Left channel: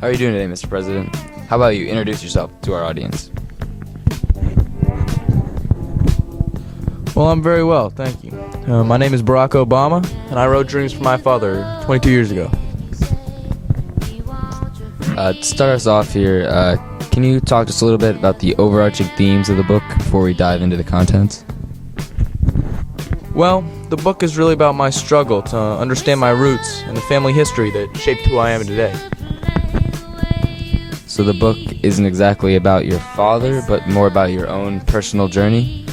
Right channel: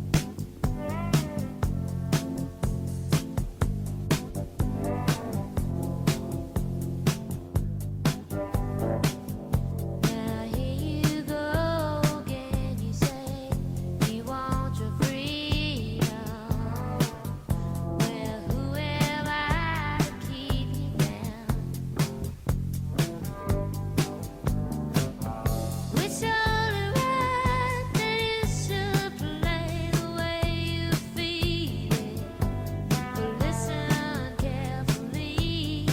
How are you doing today, Mr. President? How about you introduce yourself to our audience? Well, I'm very well, thank you. My name is Barack Obama, and I wrote Dreams for My Father 22 years ago. To start us off here, can you talk to us a little bit about the overarching themes of the book before we dive into the contents? Well, the book is really about my struggle to understand my roots and the family history that shaped who I am today. So the book isn't exactly about your father, but more about your own personal journey?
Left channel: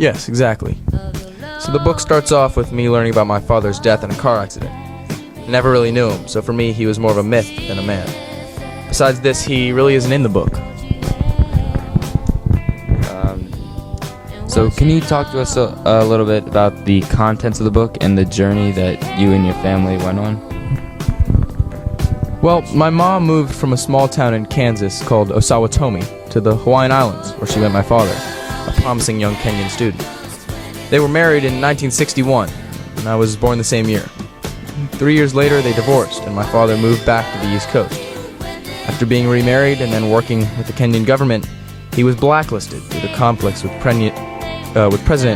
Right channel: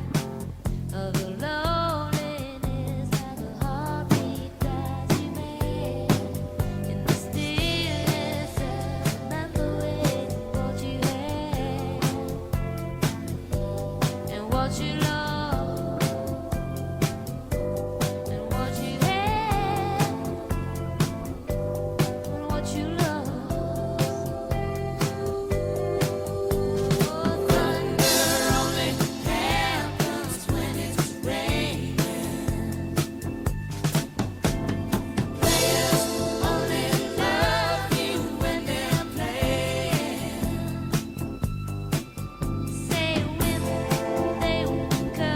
Yes, exactly. So the book starts off with me learning about my father's death in a car accident. I never really knew him, so for me he was more of a myth than a man. Besides this, he really isn't in the book. So can you talk to us a little bit about the contents of the book and the journey that you and your family went on? Well, my mom moved from a small town in Kansas called Osawatomie to the Hawaiian Islands, where she met my father, a promising young Kenyan student. They were married in 1961, and I was born the same year. 3 years later, they divorced, and my father moved back to the East Coast. After being remarried and then working with the Kenyan government, he was blacklisted due to conflicts with President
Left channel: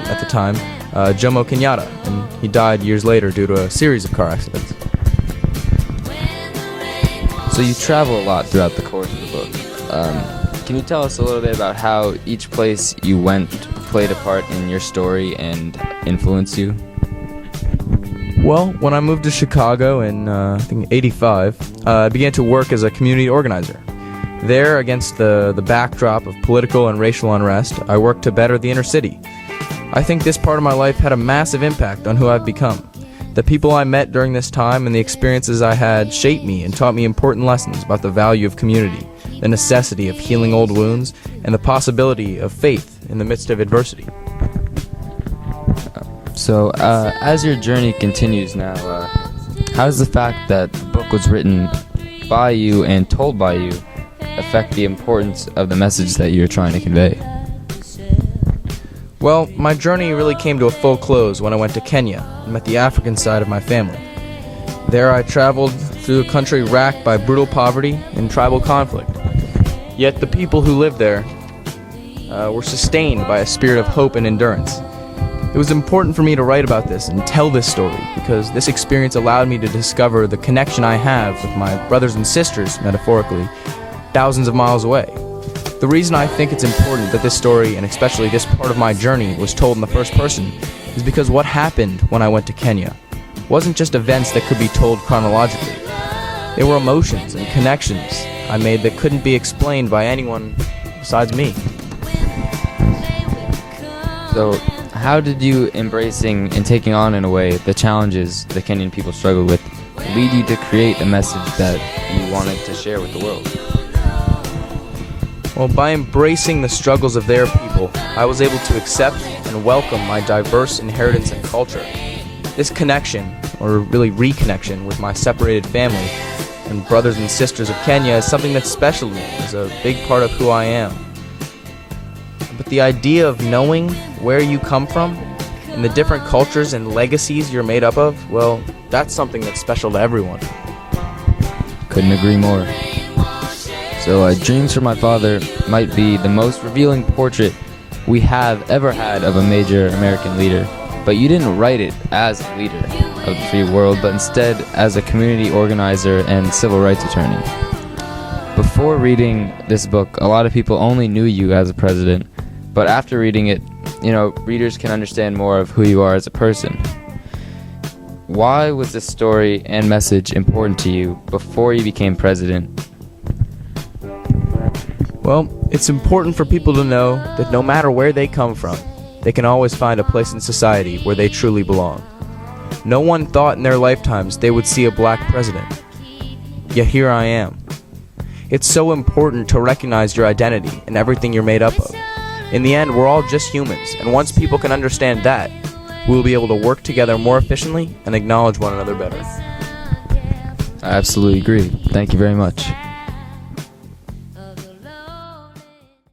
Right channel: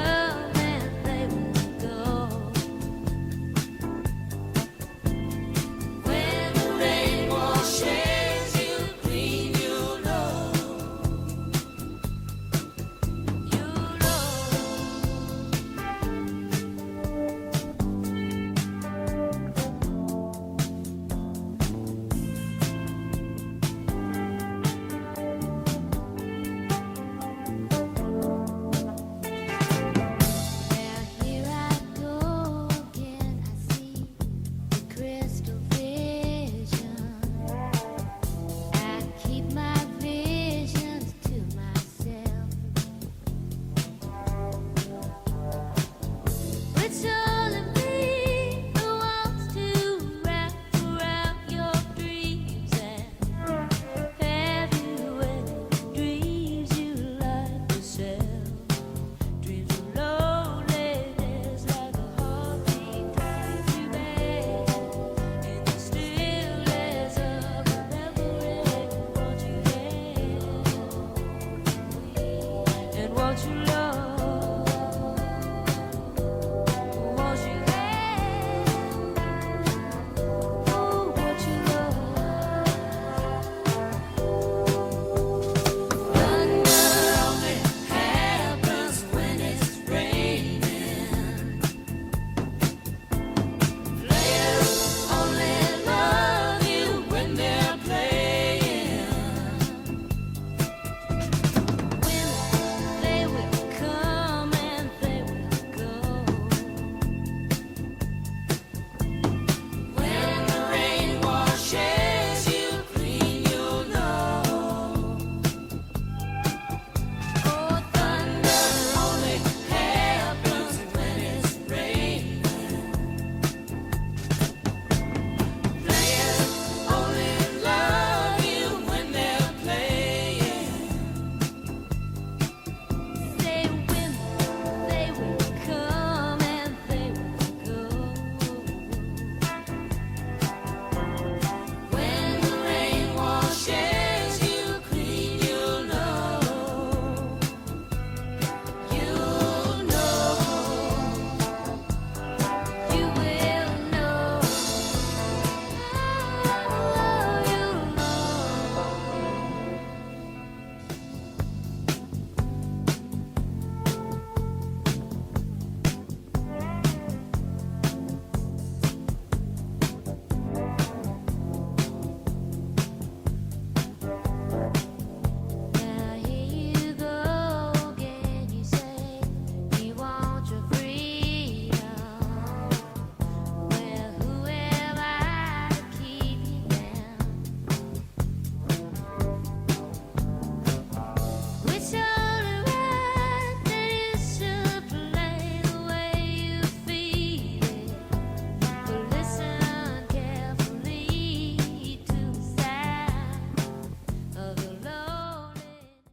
at the time, Jomo Kenyatta, and he died years later due to a series of car accidents. So you travel a lot throughout the course of the book. Can you tell us a little bit about how each place you went played a part in your story and influenced you? Well, when I moved to Chicago in, I think, 85, I began to work as a community organizer. There, against the backdrop of political and racial unrest, I worked to better the inner city. I think this part of my life had a massive impact on who I've become. The people I met during this time and the experiences I had shaped me and taught me important lessons about the value of community, the necessity of healing old wounds, and the possibility of faith in the midst of adversity. So, as your journey continues now, how does the fact that the book was written by you and told by you affect the importance of the message that you're trying to convey? Well, my journey really came to a full close when I went to Kenya and met the African side of my family. There I traveled through a country racked by brutal poverty and tribal conflict. Yet the people who lived there were sustained by a spirit of hope and endurance. It was important for me to write about this and tell this story because this experience allowed me to discover the connection I have with my brothers and sisters, metaphorically, thousands of miles away. The reason I think it's important that this story, and especially this part of my journey, was told in the first person is because what happened when I went to Kenya wasn't just events that could be told chronologically. They were emotions and connections I made that couldn't be explained by anyone besides me. So, how did you embracing and taking on, in a way, the challenges the Kenyan people struggled with lead you to create a message that you wanted to share with the world? Well, by embracing the struggles of their people, I was able to accept and welcome my diverse inheritance and culture. This connection, or really reconnection, with my separated family and brothers and sisters of Kenya is something that's special to me. It's a big part of who I am. But the idea of knowing where you come from and the different cultures and legacies you're made up of, well, that's something that's special to everyone. Couldn't agree more. So, Dreams for My Father might be the most revealing portrait we have ever had of a major American leader, but you didn't write it as a leader of the free world, but instead as a community organizer and civil rights attorney. Before reading this book, a lot of people only knew you as a president, but after reading it, readers can understand more of who you are as a person. Why was this story and message important to you before you became president? Well, it's important for people to know that no matter where they come from, they can always find a place in society where they truly belong. No one thought in their lifetimes they would see a black president. Yet here I am. It's so important to recognize your identity and everything you're made up of. In the end, we're all just humans, and once people can understand that, we'll be able to work together more efficiently and acknowledge one another better. I absolutely agree. Thank you very much.